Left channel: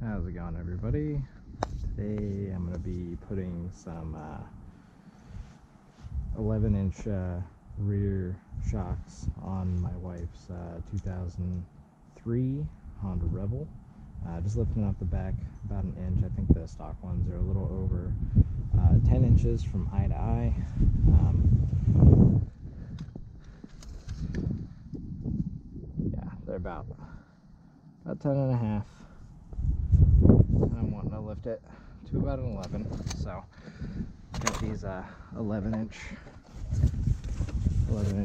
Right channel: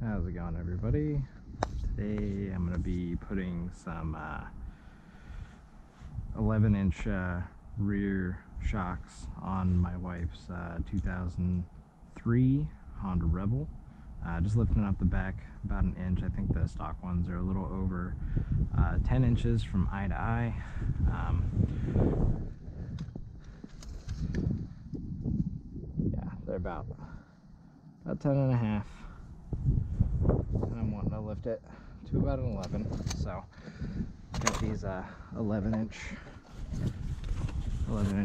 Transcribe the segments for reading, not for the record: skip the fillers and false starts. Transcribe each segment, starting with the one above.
How's it going, everybody? Today I'm going to be putting some 11-inch rear shocks on my wife's 2003 Honda Rebel. Just lifting up the back about an inch. I think the stock ones are a little over 10 inches from eye to eye. Yeah, they're about 10 and a half. And I'm wanting to lift it to about an 11. So got these 11-inch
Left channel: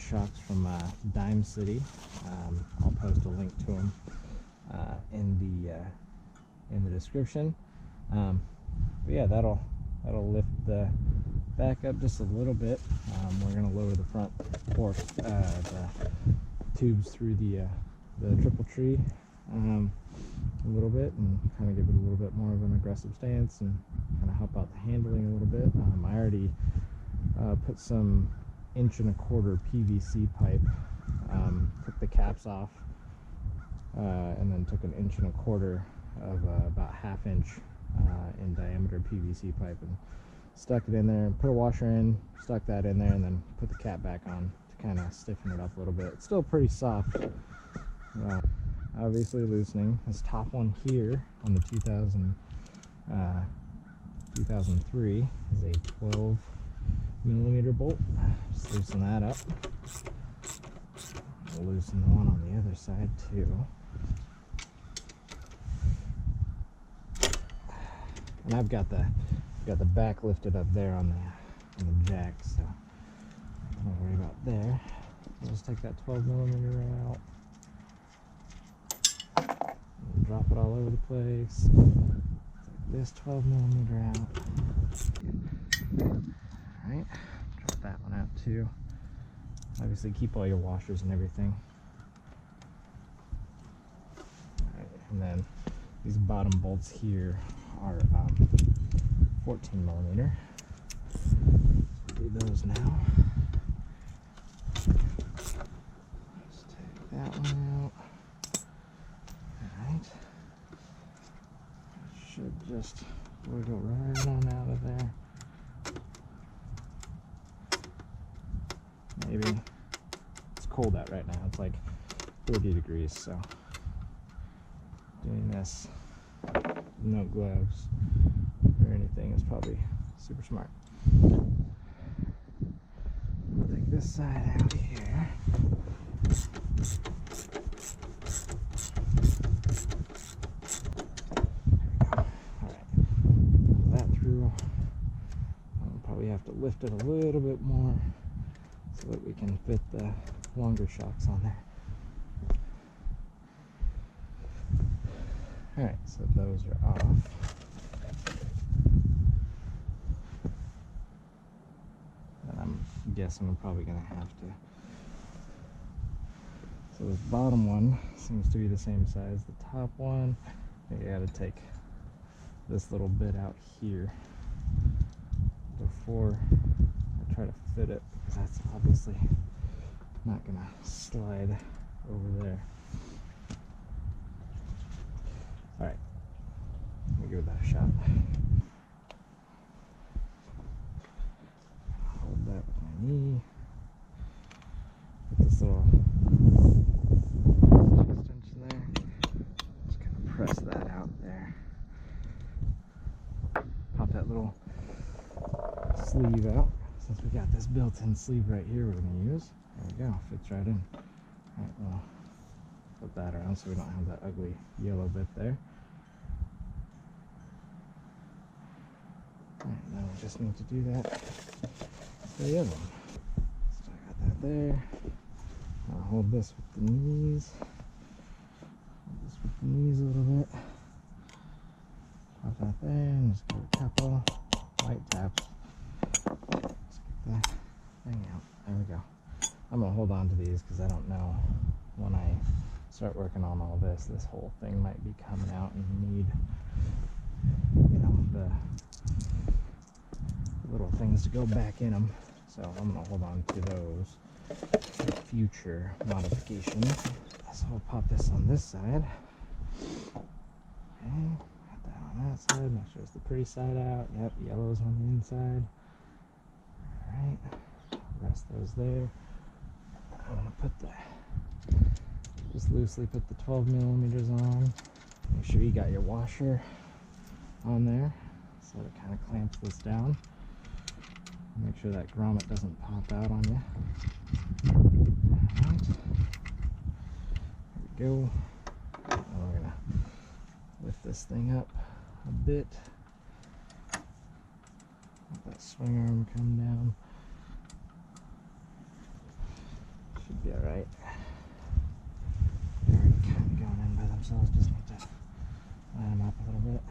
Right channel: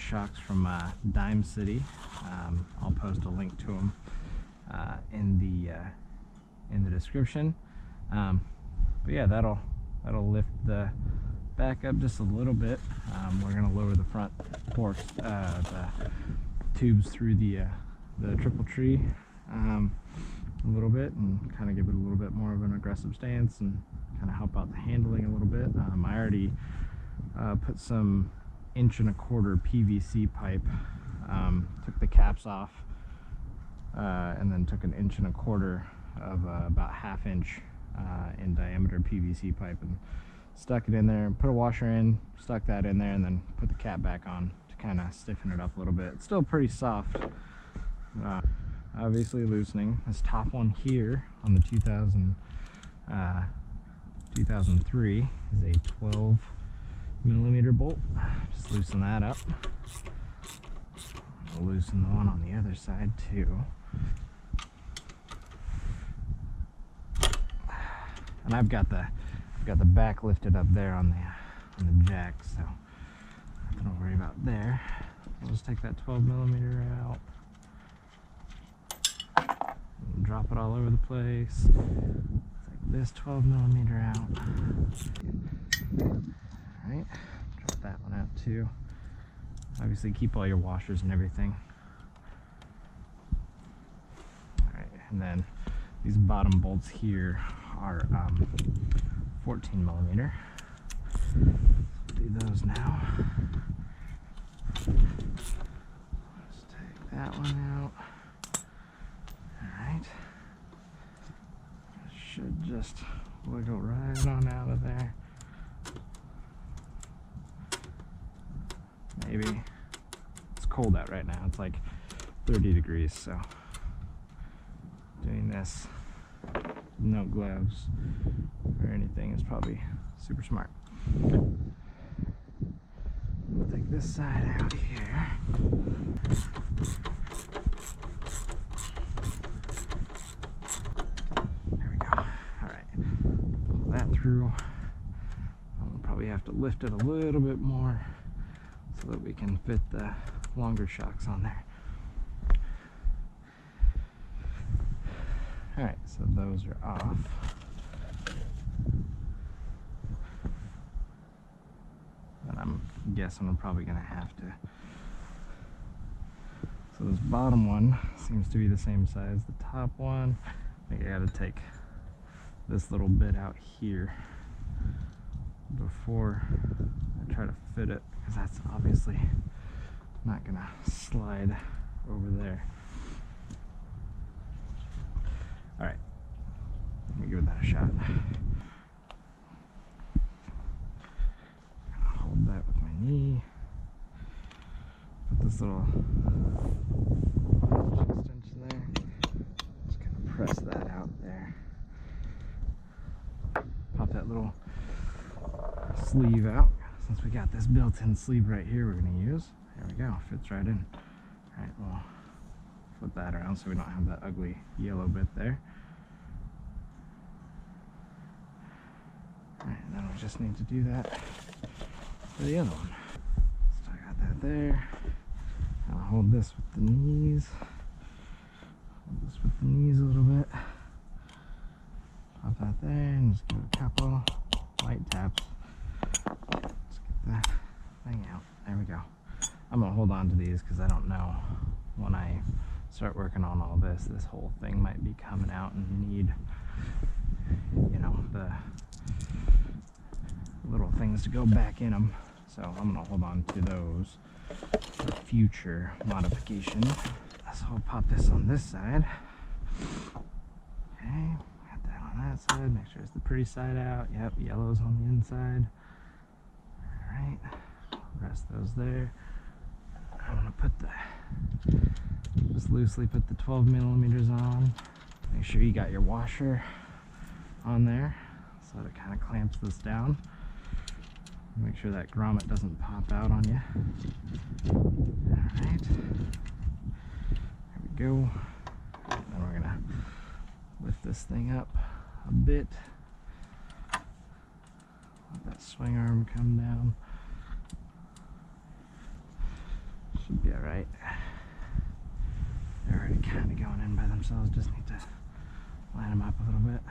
shocks from Dime City. I'll post a link to them in the description. But yeah, that'll lift the back up just a little bit. We're gonna lower the front fork, the tubes through the triple tree a little bit, and kind of give it a little bit more of an aggressive stance and kind of help out the handling a little bit. I already put some 1.25 inch PVC pipe, took the caps off, and then took 1.25 inches of about 1/2 inch in diameter PVC pipe and stuck it in there, put a washer in, stuck that in there, and then put the cap back on to kind of stiffen it up a little bit. It's still pretty soft, obviously loosening. This top one here on the 2003 is a 12mm bolt. Just loosen that up. I'll loosen the one on the other side too. And I've got the back lifted up there on the jack, so nothing to worry about there. I'll just take that 12mm out and drop it all over the place. Take this 12mm out. Alright, drop that one out too. Obviously keep all your washers and everything. Alright, and then these bottom bolts here are 14mm. Do those now. Let's take that one out. Alright. Should just wiggle right on out of there. Maybe. It's cold out right now. It's like 30 degrees, so doing this no gloves or anything is probably super smart. We'll take this side out here. There we go. Alright. Pull that through. I'll probably have to lift it a little bit more so that we can fit the longer shocks on there. Alright, so those are off. And I'm guessing I'm probably going to have to. So this bottom one seems to be the same size as the top one. I think I got to take this little bit out here before I try to fit it, because that's obviously not going to slide over there. Alright, let me give that a shot. Hold that with my knee. Put this little extension there. Just kind of press that out there. Pop that little sleeve out. Since we got this built-in sleeve right here we're going to use. There we go, fits right in. Alright, well, flip that around so we don't have that ugly yellow bit there. Alright, now we just need to do that for the other one. So I got that there. I'll hold this with the knees. Hold this with the knees a little bit. Pop that there and just give it a couple light taps. Let's get that thing out. There we go. I'm going to hold on to these because I don't know when I start working on all this whole thing might be coming out and need, you know, the little things to go back in them. So I'm going to hold on to those for future modification. So I'll pop this on this side. Okay, side. Make sure it's the pretty side out. Yep, yellow's on the inside. Alright, rest those there. I'm gonna put just loosely put the 12 millimeters on. Make sure you got your washer on there so that it kind of clamps this down. Make sure that grommet doesn't pop out on you. Alright, there we go. And then we're gonna lift this thing up a bit. Let that swing arm come down. Should be alright. They're already kind of going in by themselves, just need to line them up a little bit.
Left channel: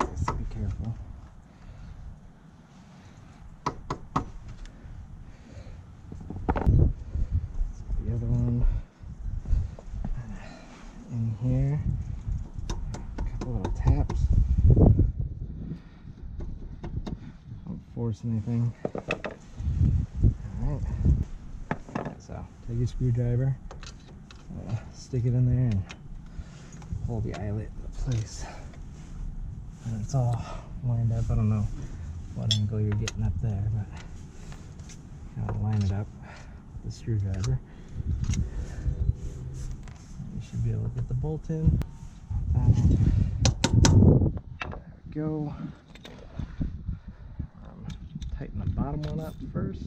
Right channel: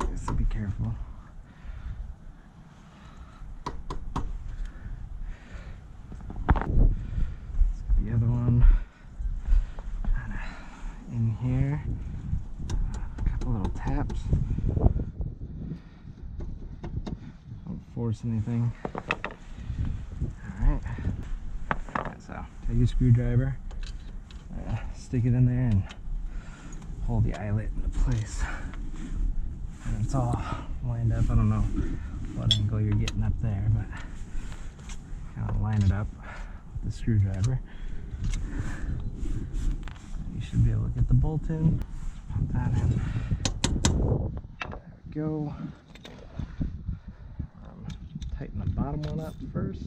Obviously, be careful. The other one kind of in here. A couple little taps. Don't force anything. Alright. So take your screwdriver, stick it in there, and pull the eyelet into place. And it's all lined up. I don't know what angle you're getting up there, but kind of line it up with the screwdriver. And you should be able to get the bolt in. Put that in. There we go. Tighten the bottom one up first.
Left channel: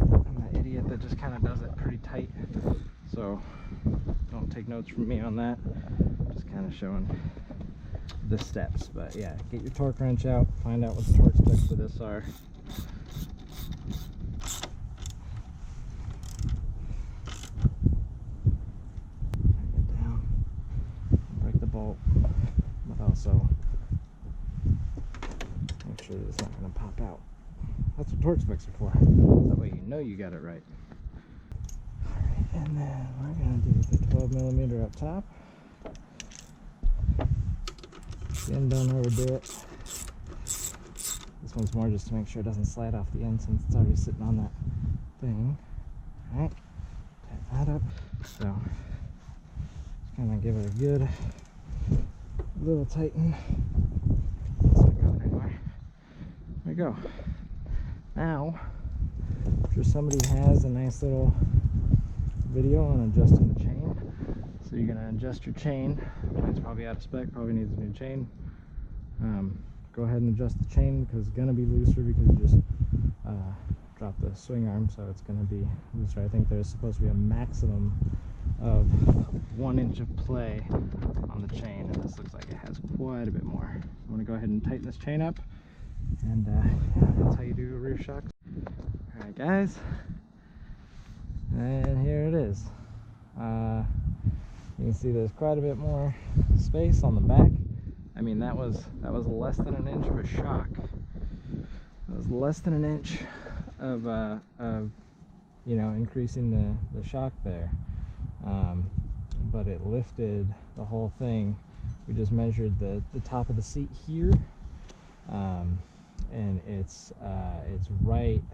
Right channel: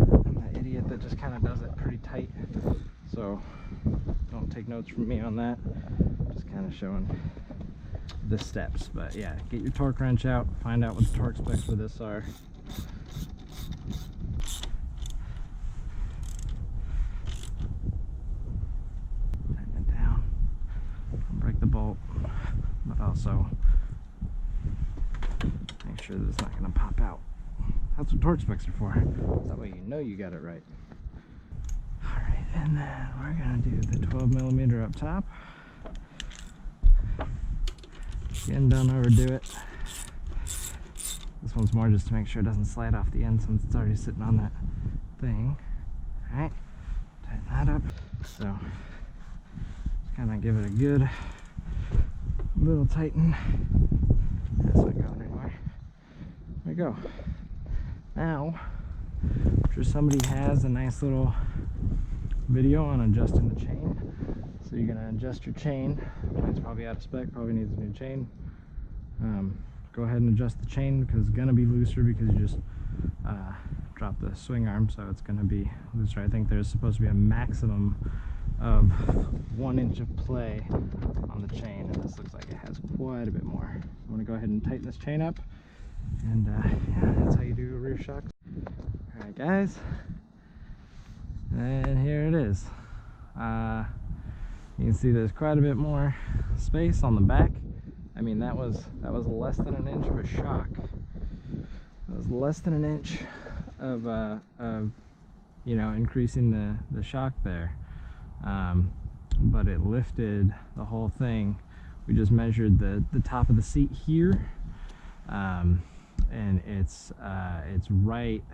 I'm that idiot that just kind of does it pretty tight, so don't take notes from me on that. Just kind of showing the steps. But yeah, get your torque wrench out, find out what the torque specs for this are. Tighten it down, don't break the bolt, but also make sure that it's not going to pop out. That's what torque specs are for. That way you know you got it right. Alright, and then we're going to do the 12 millimeter up top. Again, don't overdo it. This one's more just to make sure it doesn't slide off the end since it's already sitting on that thing. Alright, tighten that up. So, just kind of give it a good little tighten. That's not going anywhere. There we go. Now, I'm sure somebody has a nice little video on adjusting the chain. So you're going to adjust your chain. Chain's probably out of spec, probably needs a new chain. Go ahead and adjust the chain because it's going to be looser because you just dropped the swing arm, so it's going to be looser. I think there's supposed to be a maximum of 1 inch of play on the chain, and this looks like it has quite a bit more. So I'm going to go ahead and tighten this chain up, and yeah, that's how you do a rear shock. Alright guys, and here it is. You can see there's quite a bit more space on the back. I mean, that was less than an inch of a shock. That was less than an inch of you know, increasing the shock there. But it lifted the whole thing. We just measured the top of the seat here, and it's right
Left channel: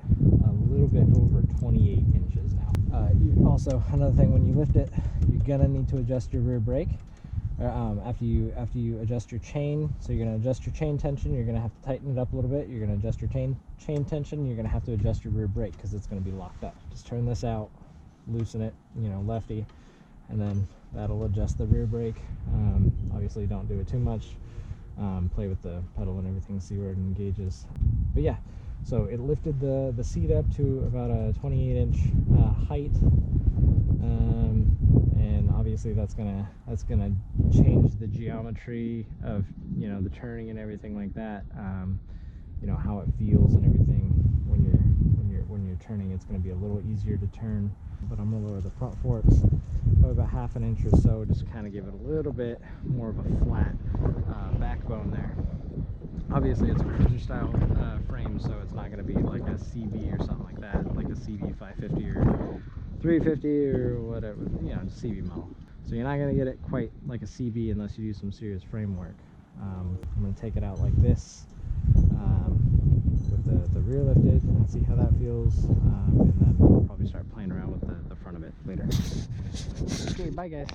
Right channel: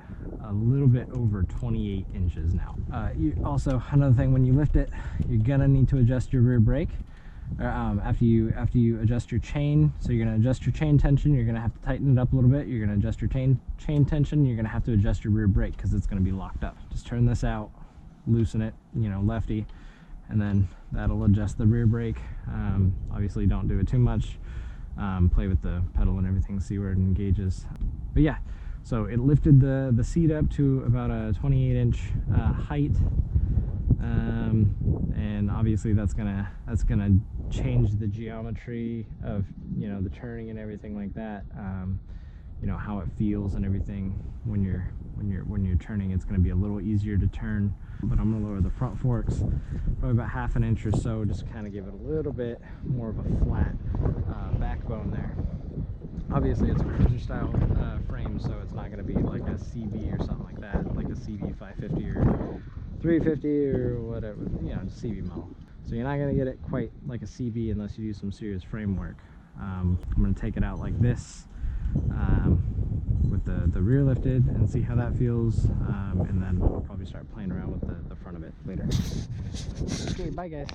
a little bit over 28 inches now. Also, another thing, when you lift it, you're gonna need to adjust your rear brake. After you adjust your chain. So you're gonna adjust your chain tension, you're gonna have to tighten it up a little bit, you're gonna adjust your chain tension, you're gonna have to adjust your rear brake because it's gonna be locked up. Just turn this out, loosen it, you know, lefty, and then that'll adjust the rear brake. Obviously don't do it too much. Play with the pedal and everything, see where it engages. But yeah, so it lifted the seat up to about a 28-inch height, and obviously that's gonna change the geometry of, you know, the turning and everything like that. You know, how it feels and everything when you're turning. It's gonna be a little easier to turn. But I'm gonna lower the front forks probably about half an inch or so, just kind of give it a little bit more of a flat backbone there. Obviously it's a cruiser style frame, so it's not going to be like a CB or something like that, like a CB 550 or 350 or whatever, you know, CB model. So you're not going to get it quite like a CB unless you do some serious framework. I'm going to take it out like this, with the rear lifted and see how that feels, and then I'll probably start playing around with the front of it later. Okay, bye guys.